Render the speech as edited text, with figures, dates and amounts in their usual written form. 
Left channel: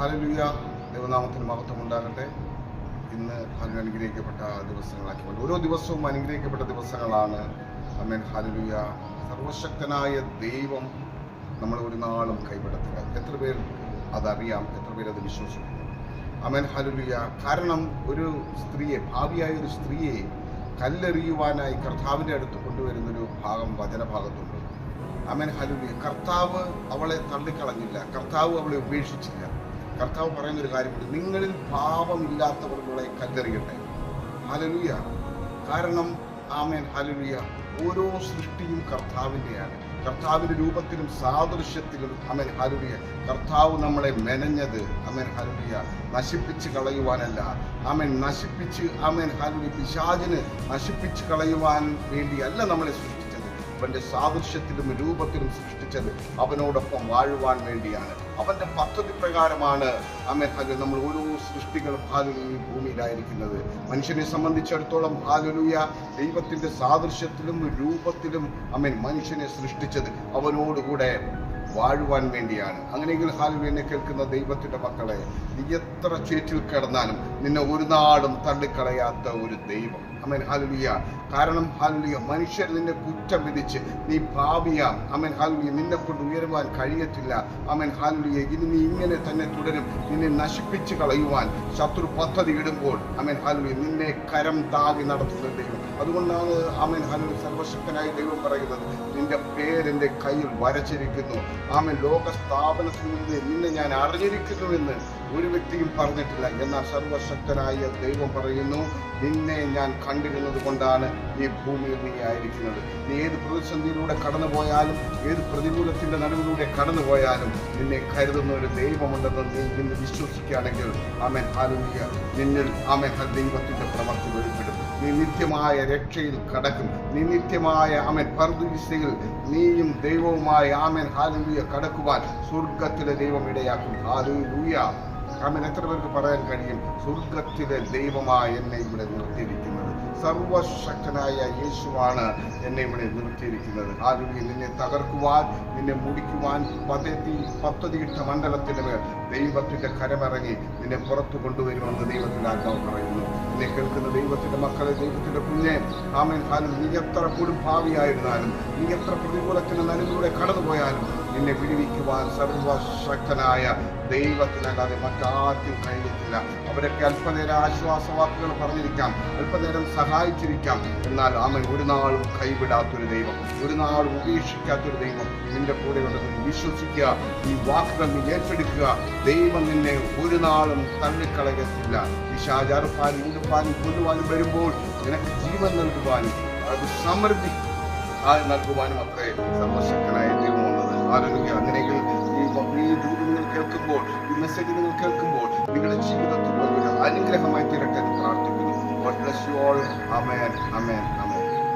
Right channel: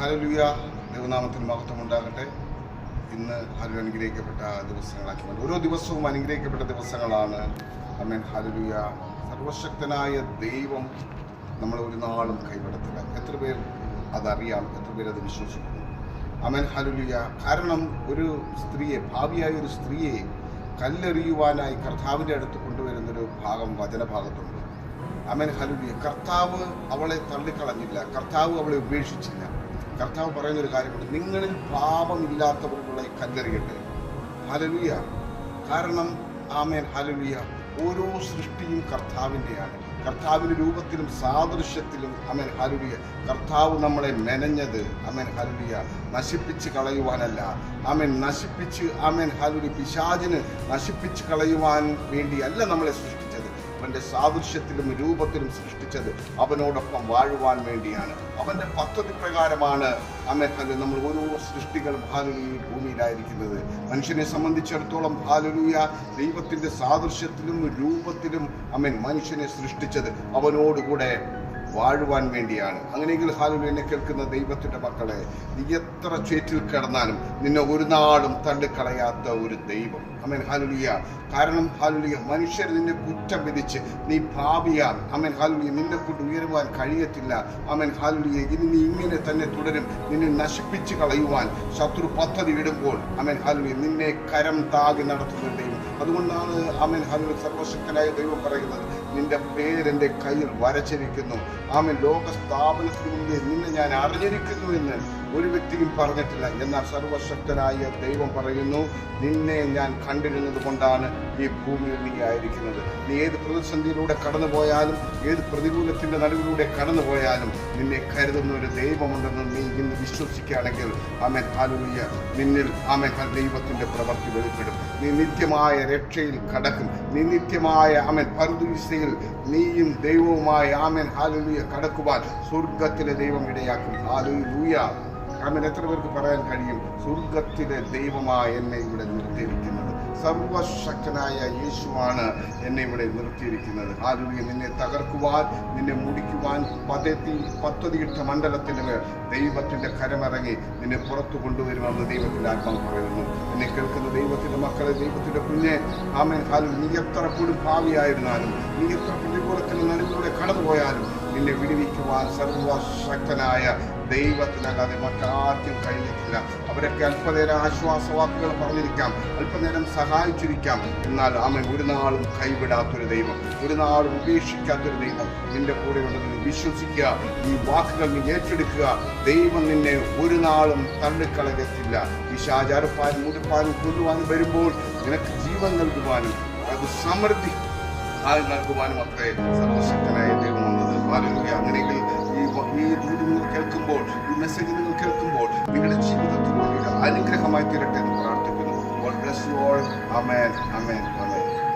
Hallelujah. ദൈവനാമത്തിന് മഹത്വം ഉണ്ടാകട്ടെ. ഇന്ന് അനുഗ്രഹിക്കപ്പെട്ട ദിവസങ്ങളാക്കി മാറ്റി. ഓരോ ദിവസവും അനുഗ്രഹിക്കപ്പെട്ട ദിവസങ്ങളാണ്. ആമേൻ. ഹല്ലേലൂയ. സർവശക്തനായ ദൈവം നമ്മളെ ഒരു നാളും കൈവിടത്തില്ല. എത്ര പേർ അതറിയാം? എത്ര പേർ അത് വിശ്വസിക്കുന്നു? ആമേൻ. ഹല്ലേലൂയ. കാരണം ഒരു സ്ത്രീയെ, ഭാവിയായ ഒരു സ്ത്രീയെ കല്ലെറിയുവാനായി കർത്താവിൻ്റെ അടുത്ത് കൊണ്ടുവരുന്നൊരു ഭാഗം വചനഭാഗത്തുണ്ട്. ആമേൻ. ഹല്ലേലൂയ. കർത്താവ് അവളെ തള്ളിക്കളഞ്ഞില്ല, കർത്താവ് അവളെ ഉപേക്ഷിച്ചില്ല. കർത്താവ് പറയുന്നൊരു കാര്യമുണ്ട്, നിങ്ങളിൽ പാപമില്ലാത്തവരുടെ കല്ലെറിയട്ടെ. ഹല്ലേലൂയ. കാരണം ആമേൻ. ഹല്ലേലൂയ. ഓരോ സൃഷ്ടിയും കർത്താവിൻ്റെയാണ്. കർത്താവിൻ്റെ രൂപത്തിലും സാദൃശ്യത്തിലും ആമേൻ. ഹല്ലേലൂയ. കർത്താവ് നമ്മളെ മെനഞ്ഞത് ആമേൻ. ഹല്ലേലൂയ നശിപ്പിച്ച് കളയുവാനല്ല. ആമേൻ. നശിപ്പിച്ച് ആമേൻ. ഹല്ലേലൂയ പിശാചിന് നശിപ്പിച്ച് കളയുവാൻ വേണ്ടിയല്ല നമ്മളെ സൃഷ്ടിച്ചത്. അവൻ്റെ സാദൃശ്യത്തിലും രൂപത്തിലും സൃഷ്ടിച്ചത് അവനോടൊപ്പം വാഴുവാൻ വേണ്ടിയാണ്. അവൻ്റെ പദ്ധതി പ്രകാരമാണ് ആമേൻ. ഹല്ലേലൂയ നമ്മൾ ഓരോ സൃഷ്ടികളും ഹല്ലേലൂയ ഭൂമിയിലായിരിക്കുന്നത്. മനുഷ്യനെ സംബന്ധിച്ചിടത്തോളം ഹല്ലേലൂയ ദൈവത്തിൻ്റെ സാദൃശ്യത്തിലും രൂപത്തിലും ആമേൻ മനുഷ്യനെ സൃഷ്ടിച്ചത് അവനോടുകൂടെ വാഴുവാൻ വേണ്ടിയാണ്. അങ്ങനെയെങ്കിൽ ഹല്ലേലൂയ എന്നെ കേൾക്കുന്ന ദൈവത്തിൻ്റെ മക്കളെ, നീ എത്ര ചേറ്റിൽ കിടന്നാലും നിന്നെ ഒരു നാളും തള്ളിക്കളയാത്ത ഒരു ദൈവം. ആമേൻ. ഹല്ലേലൂയ. കാരണം ഹല്ലേലൂയ മനുഷ്യർ നിന്നെ കുറ്റം വിധിച്ച് നീ പാപിയാം. ആമേൻ. ഹല്ലേലൂയ നിന്നെ കൊണ്ട് ഉയരുവാൻ കഴിയത്തില്ല. ആമേൻ. ഹല്ലേലൂയ ഇനി നീ ഇങ്ങനെ തന്നെ തുടരും. നിന്നെ നശിപ്പിച്ച് കളയുവാൻ ശത്രു പദ്ധതി ഇടുമ്പോൾ ആമേൻ. ഹല്ലേലൂയ നിന്നെ കരം താങ്ങി നടത്തുന്ന ദൈവം. അതുകൊണ്ടാണ് ആമേൻ. ഹല്ലേലൂയ സർവശക്തനായ ദൈവം പറയുന്നത്, നിന്റെ പേരെൻ്റെ കയ്യിൽ വരച്ചിരിക്കുന്നു. ആമേൻ. ലോക സ്ഥാപനത്തിന് മുമ്പ് നിന്നെ ഞാൻ അറിഞ്ഞിരിക്കുന്നു എന്ന് ഒരു വ്യക്തിയും പറഞ്ഞിട്ടില്ല. എന്നാൽ സർവശക്തനായ ദൈവം പറയുന്നു, നിന്നെ ഞാൻ കണ്ടിരുന്നത് കൊണ്ടാണ് നീ ഭൂമിയിൽ നീ ആയിരിക്കുന്നത്. നീ ഏത് പ്രതിസന്ധിയിലൂടെ കടന്നു പോയാലും, ഏത് പ്രതികൂലത്തിൻ്റെ നടുവിലൂടെ കടന്നു പോയാലും നിന്നെ കരുതുന്ന ഒരു ദൈവമുണ്ടെന്ന് നീ ഇന്ന് വിശ്വസിക്കുകയാണെങ്കിൽ ആമേൻ. ഹല്ലേലൂയ നിന്നിൽ ആമേൻ ദൈവത്തിൻ്റെ പ്രവൃത്തി വെളിപ്പെടും. നീ നിത്യമായ രക്ഷയിൽ കടക്കും. നീ നിത്യമായ ആമേൻ പർദീസയിൽ നീയും ദൈവവുമായി ആമേൻ. ഹല്ലേലൂയ കടക്കുവാൻ സ്വർഗത്തിലെ ദൈവം ഇടയാക്കും. ഹല്ലേലൂയ. ആമേൻ. എത്ര പേർക്ക് പറയാൻ കഴിയും, സ്വർഗത്തിലെ ദൈവമായി എന്നെ ഇവിടെ നിർത്തിയിരിക്കുന്നത്? സർവശക്തനായ യേശുവാണ് എന്നെ ഇവിടെ നിർത്തിയിരിക്കുന്നത്. ഹല്ലേലൂയ. നിന്നെ തകർക്കുവാൻ, നിന്നെ മുടിക്കുവാൻ പദ്ധതിയിട്ട മണ്ഡലത്തിൻ്റെ മേൽ ദൈവത്തിൻ്റെ കരമിറങ്ങി നിന്നെ പുറത്തു കൊണ്ടുവരുമെന്ന് ദൈവത്തിൻ്റെ ആത്മാവ് പറയുന്നു. എന്നെ കേൾക്കുന്ന ദൈവത്തിൻ്റെ മക്കളെ, ദൈവത്തിൻ്റെ കുഞ്ഞെ, ആമേൻ. ഹല്ലേലൂയ നീ എത്ര കൊടും ഭാവിയായിരുന്നാലും, നീ എത്ര പ്രതികൂലത്തിൻ്റെ നടുവിലൂടെ കടന്നുപോയാലും നിന്നെ വിടുവിക്കുവാൻ സർവശക്തനായ ദൈവത്തിനല്ലാതെ മറ്റാർക്കും കഴിയത്തില്ല. അവരൊക്കെ അല്പനേരം ആശ്വാസവാക്കുകൾ പറഞ്ഞിരിക്കാം, അല്പനേരം സഹായിച്ചിരിക്കാം. എന്നാൽ ആമേൻ ഒരു നാളും കൈവിടാത്തൊരു ദൈവം, ഒരു നാളും ഉപേക്ഷിക്കാത്തൊരു ദൈവം നിന്റെ കൂടെ ഉണ്ടെന്ന് വിശ്വസിക്കുക. ഈ വാക്കുകൾ നീ ഏറ്റെടുക്കുക. ദൈവം നിന്നെ ഒരു നാളും തള്ളിക്കളയത്തില്ല. പിശാച് മുടുപ്പാനും കൊല്ലുവാനും വരുമ്പോൾ നിനക്ക് ജീവൻ നൽകുവാനും അത് സമൃദ്ധി നൽകുവാനും അത്രേ സർവശക്തനായ ദൈവം വന്നത്. ഹല്ലേലൂയ. അങ്ങനെയെങ്കിൽ ഈ ദൂത് നിങ്ങൾ കേൾക്കുമ്പോൾ, ഈ മെസ്സേജ് നിങ്ങൾ കേൾക്കുമ്പോൾ നിങ്ങളുടെ ജീവിതത്തിൽ വലിയൊരു അനുഗ്രഹമായി തീരട്ടെ എന്ന് പ്രാർത്ഥിക്കുന്നു. God bless you all. Amen. Amen. Amen.